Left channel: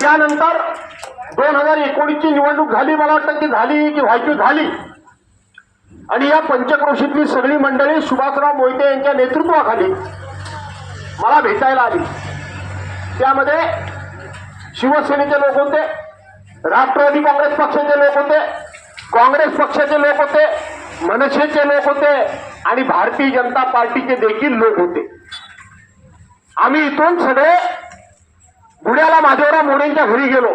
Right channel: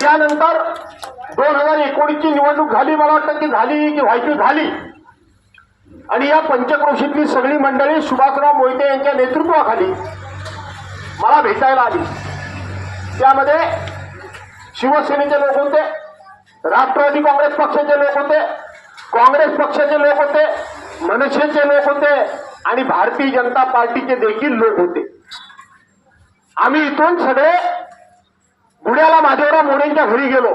त्यानंतर 2019 ची निवडणूक झाली, मला वाटतं की झाली की व्हायची झाली, आणि या पंचक्रोशीतली सगळी मंडळी सुभाषराव मोहिते यांच्या नेतृत्वाखाली मला भेटायला आली. त्यामध्ये शिवसेनेचे लोक होते, राष्ट्रवादी काँग्रेस पक्षाचे लोक होते, काँग्रेस पक्षाचे लोक होते, मनसेचे लोक होते आणि भारतीय जनता पार्टीचे देखील लोक होते. आम्ही इथून सगळे बुड्याला माधवराव मोरेंच्या घरी गेलो.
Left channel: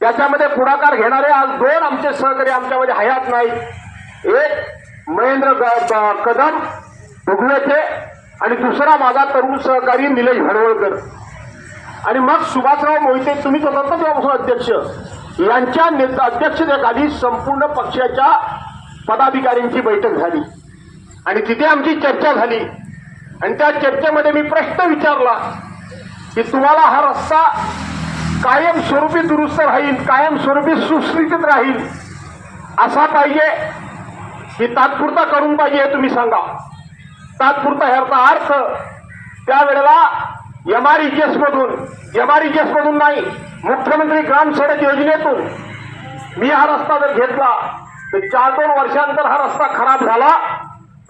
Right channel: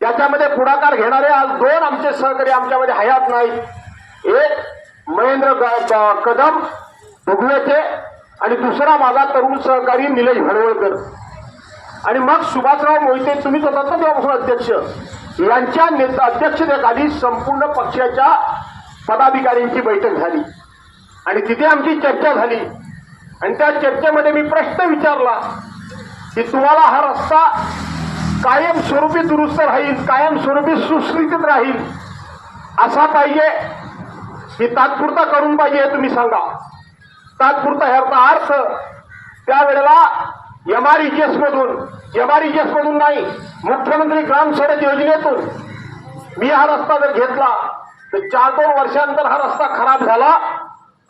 त्याच्यामध्ये पुढाकार घेणारे आज 2 आमचे सहकारी आमच्यामध्ये हयात नाही. एक महेंद्र कदम भुगवेचे आणि दुसरा माझा तरुण सहकारी निलेश भडवळकर. आणि मग सुभाषराव मोहिते, तुम्हीच होता ना तेव्हापासून अध्यक्ष, यांच्या अध्यक्षतेखाली संपूर्ण पक्षाच्या पदाधिकाऱ्यांची बैठक झाली आणि तिथे आमची चर्चा झाली. आणि त्या चर्चेमध्ये मी प्रश्न विचारला की तुम्हाला हा रस्ता कायमस्वरूपी दुरुस्त राहील, कायमस्वरूपी सुस्थितीत राहील असा पाहिजे की तात्पुरता करून पाहिजे, हे तुम्ही सांगा. तात्पुरता ह्याचा अर्थ त्यावेळेला MREGS मधून नाही, मुख्यमंत्री ग्राम सडक योजनेतून मी हा रस्ता जर घेतला तर 4-2 वर्षानंतर हा रस्ता खराब झाला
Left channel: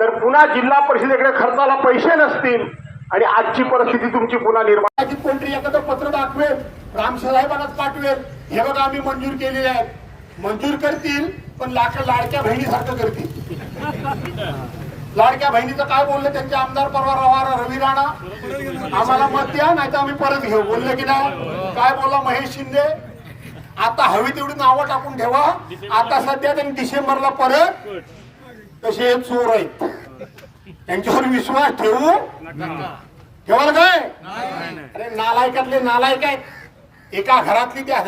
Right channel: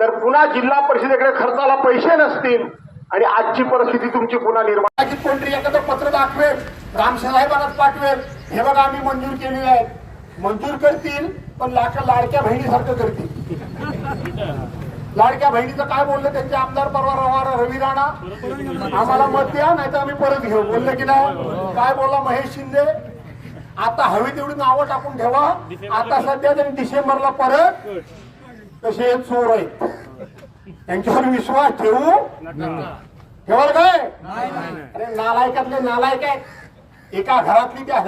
तर पुन्हा जिल्हा परिषदेकडे खर्चाला पैसे नसतील आणि आजची परिस्थिती तुमची पुन्हा निर्माण. कोणतरी एखादं पत्र दाखवेल, रामसाहेबांनाच पाठवेल, हे बघा आम्ही मंजूर केलेले आहेत. मंजूर करतील पण लाडक्या बहिणीसारखं करतील. लाडक्या बहिणीचं काय बोलले त्यांचे आमदार परवा रवी राणा, आम्हाला मत द्या नाही तर आम्ही परत घेऊ बोलले की नाही. काय बोलला महेश शिंदे, आता हवी तेवढी नावं टाकून ठेवा, आता सध्या त्यांनी डिसेंबरला परत. कसे चोर आहेत, त्यांच्यावर विश्वास ठेवाल काय? अरे नालायकातले नालायक आहेत. एका घरातली त्या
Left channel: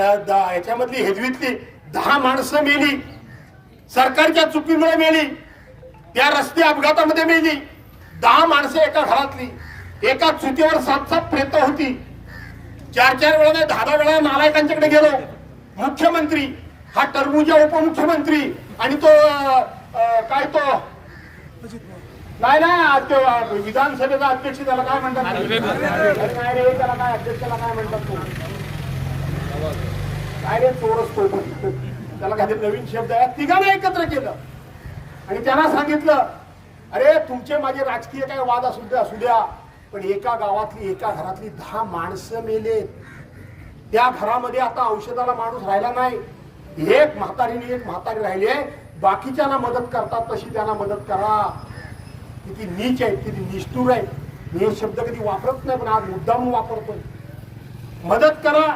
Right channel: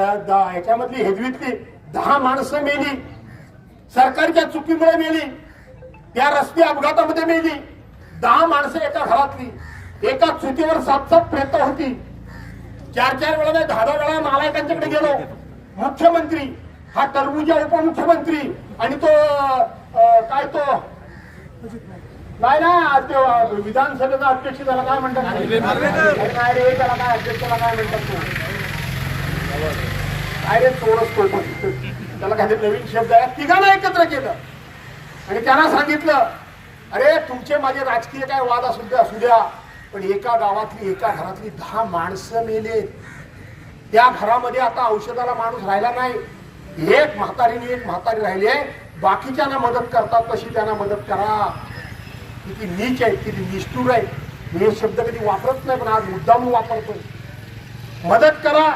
याच्यामधली हेजवीतली 10 माणसं मेली, सरकारच्या चुकीमुळे मेली, त्या रस्ते अपघातामध्ये मेली. 10 माणसं एका घरातली, एका चुतीवर 7-7 प्रेत होती. 4-4 वेळा नाही 10-10 वेळा नालायकांच्याकडे गेलो. मुख्यमंत्री, हा टरबूजा उपमुख्यमंत्री आणि तो काय तो नाही विधानसभेचा अध्यक्ष, त्याला काय म्हणतात, अध्यक्षाला काय म्हणतात, त्याला काही नवीन शब्द आहे. तिघांना एकत्र केलं आणि त्यांना सांगितलं, अरे तुमचे माझे राजकीय काय वाद असू द्या, पण एका गावातली एका घरातली 10 माणसं मेले. त्या घरामध्ये आता औषधाला माणूस राहिला नाही. एक म्हातारी राहिली, बाकीच्यांना मदत करतात तशी त्यांना मदत करा. किती नीच आहे, किती निष्ठुर आहे. हे शब्द कधी वापरत नाही, पण आज मुद्दाम वापरतोय. मदत करा.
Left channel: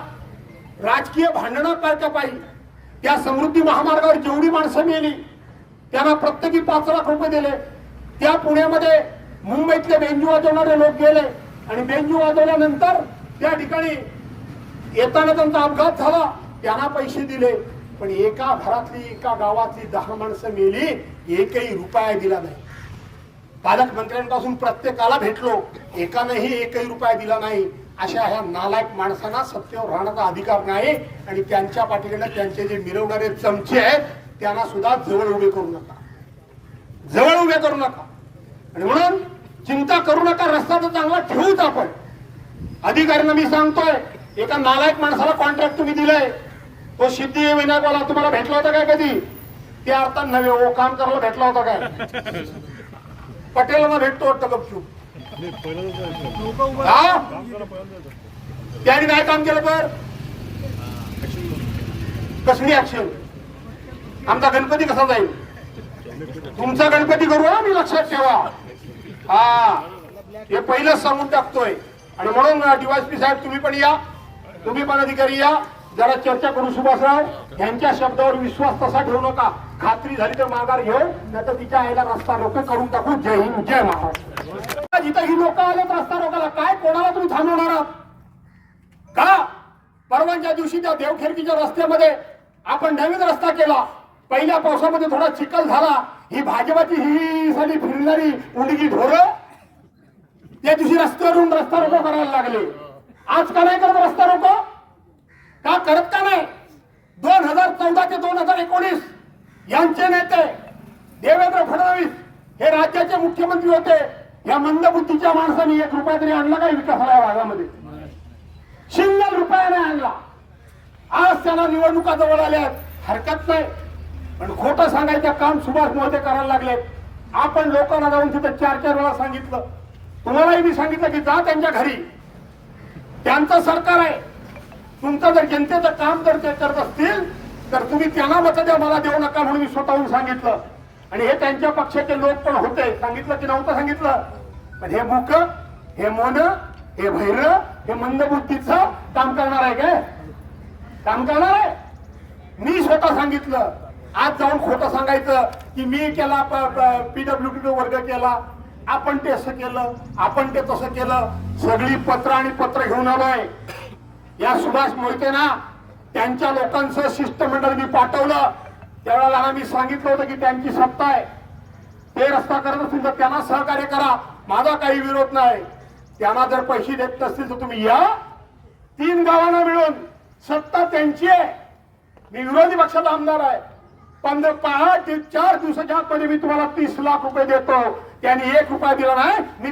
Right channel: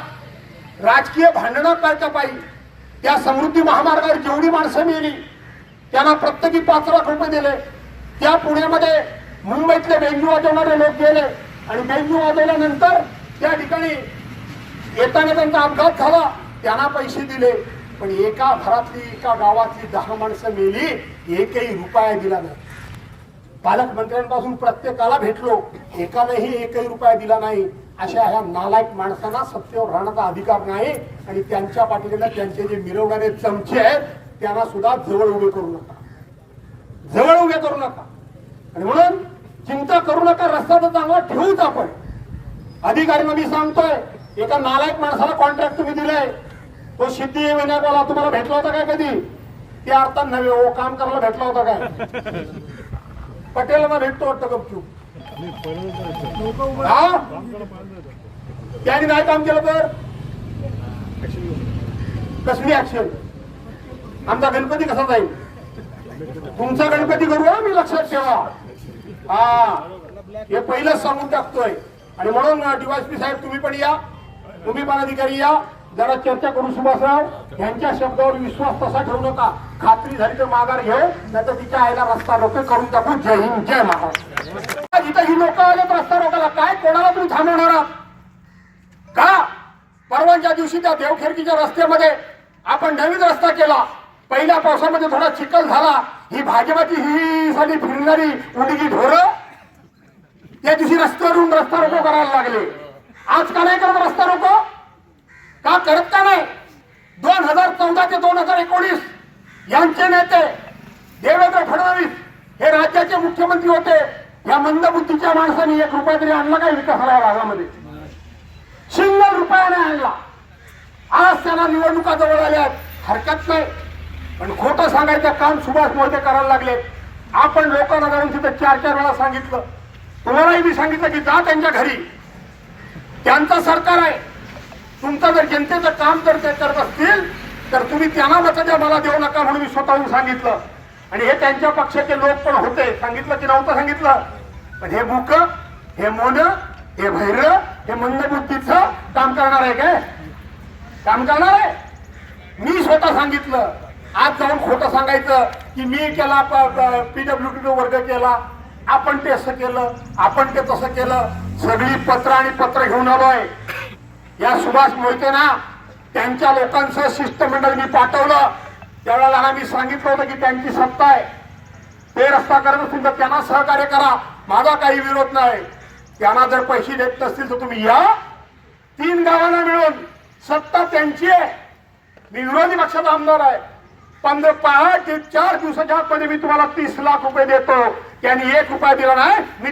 राजकीय भांडणं करता पाहिजे. त्या समृद्धी महामार्गावर जेवढी माणसं मेली त्यांना प्रत्येकी 5 लाख रुपये दिले. त्या पुण्यामध्ये मुंबईतले बेंजू वाजवणारे लोक गेले आणि बेंजू वाजवल्यानंतर त्या ठिकाणी येताना त्यांचा अपघात झाला, त्यांना पैसे दिले. पण एका घरातली एका गावातली 10 माणसं मेली, एकही रुपया दिला नाही. पालकमंत्र्यांपासून प्रत्येकाला भेटलो, एकानेही एकही रुपया दिला नाही. अशा ह्या नालायक माणसांना सत्तेवर राहण्याचा अधिकार नाही. आणि त्यांच्या पाठीकडे त्यांचे जे मिरवणारे चमचे आहेत त्यांना सुद्धा जवळ उभे करू नका. आणि म्हणून चिंता करू नका, रस्ता तर चांगला ठेवूच आपण. अधिकाऱ्यांना मी सांगतोय, एका नालायक माणसाला कॉन्ट्रॅक्ट तुम्ही दिलाय, तो सिद्धिविनायकवाला तुम्हाला भेटला होता काय कधी? ते अर्थात नव्हे, ओ काम करायला भेटला होता काय? पटेलांना भेटतो वाटतं गपचूप. त्यांनी नाही काम केलं तर कसली ऍक्शन? आमचा गणपती कसा जाईल? तुमचा गणपती करू मी, लक्षात ठेवा. हे पहिलंच सांगून टाकतोय. आणि म्हणून DYSP साहेब तुम्ही पण या, तुम्ही पण अधिकारी या, जरा चर्चा करू. सुभाषराव यांच्या शब्दावर विश्वास तसा ठेवू नका. खात्री झाली तर माघार घेऊ, नाहीतर तिच्या आईला रस्ता रोको करून टाकू. जय हिंद, जय महाराष्ट्र. जिथं ही लोक आलेत रस्ता रोकायला, काय कोणाला तुम्ही थांबवणार आहात का? परवाच्या दिवशी त्या देवखेरकीच्या रस्त्यामध्ये आपण नवीन रस्ता केला. पहिल्या पावसामध्ये थोडा चिखल झाला. ही भाजपाची ही साली फिरणारी उडगी ढोरं त्या दिवशी रस्त्यावरून रस्ता रोको करायला लागले. आज का नाही करत रस्ता रोको? का करत का नाही? 2014 ते 2019 यांचे नेते देवेंद्र फडणवीस हे राज्याचे मुख्यमंत्री होते. या मंदबुद्धीच्या माणसांनी 1 रुपया तरी आणला काय विकासाला या भागामध्ये? आणला. आज त्यांना निवडणुका जवळ आल्या, हरकत नाही, पण खोटं सांगायचं काम सुभाष मोहिते करायला लागले. आपण लोकांना जाऊन तिथं 4-4 वेळा सांगितलं, तुम्हालाही मी सांगितलं की जा त्यांच्या घरी, त्यांचं सरकार आहे, तुमचं जर जनतेचं काम जर ते करत असतील तर तुम्ही त्यांना मत द्या, मला देऊ नका म्हणून मी स्वतःहून सांगितलं. आणि हे त्यांच्या पक्षाचे लोक पण होते, सांगितलं की नव्हतं सांगितलं. पण हे मूक, हे मोन, हे भैर, हे मंदबुद्धीचं काम करणार आहे काय? काम करणार आहे? मी स्वतः सांगितलं. आज जाऊन खोटं सांगायचं की मी केला, PWD वर्ग केला, आपण ते असं केलं, आपण ते तसं केलं. सगळी पत्र आणि पत्र घेऊन आलोय. या सुभाष मोहितेना त्यांच्या लोकांचं शिष्टमंडळ मी पाठवलं. त्यावेळेला मी सांगितलं होतं की त्यांची सत्ता आहे, ते रस्ता करत असतील तर त्यांना सहकार्य करा, माझा काही विरोध नाही. त्यांना जर पैसे देत नसतील तर तुम्ही या, 3 गावांना मिळून सत्ता त्यांची आहे. मी विरोधी पक्षाचा आमदार आहे. 4 दिवसाच्या आतमध्ये मी तुम्हाला 30 लाख रुपये देतो. त्यांनी 1 रुपया दिला नाही, मी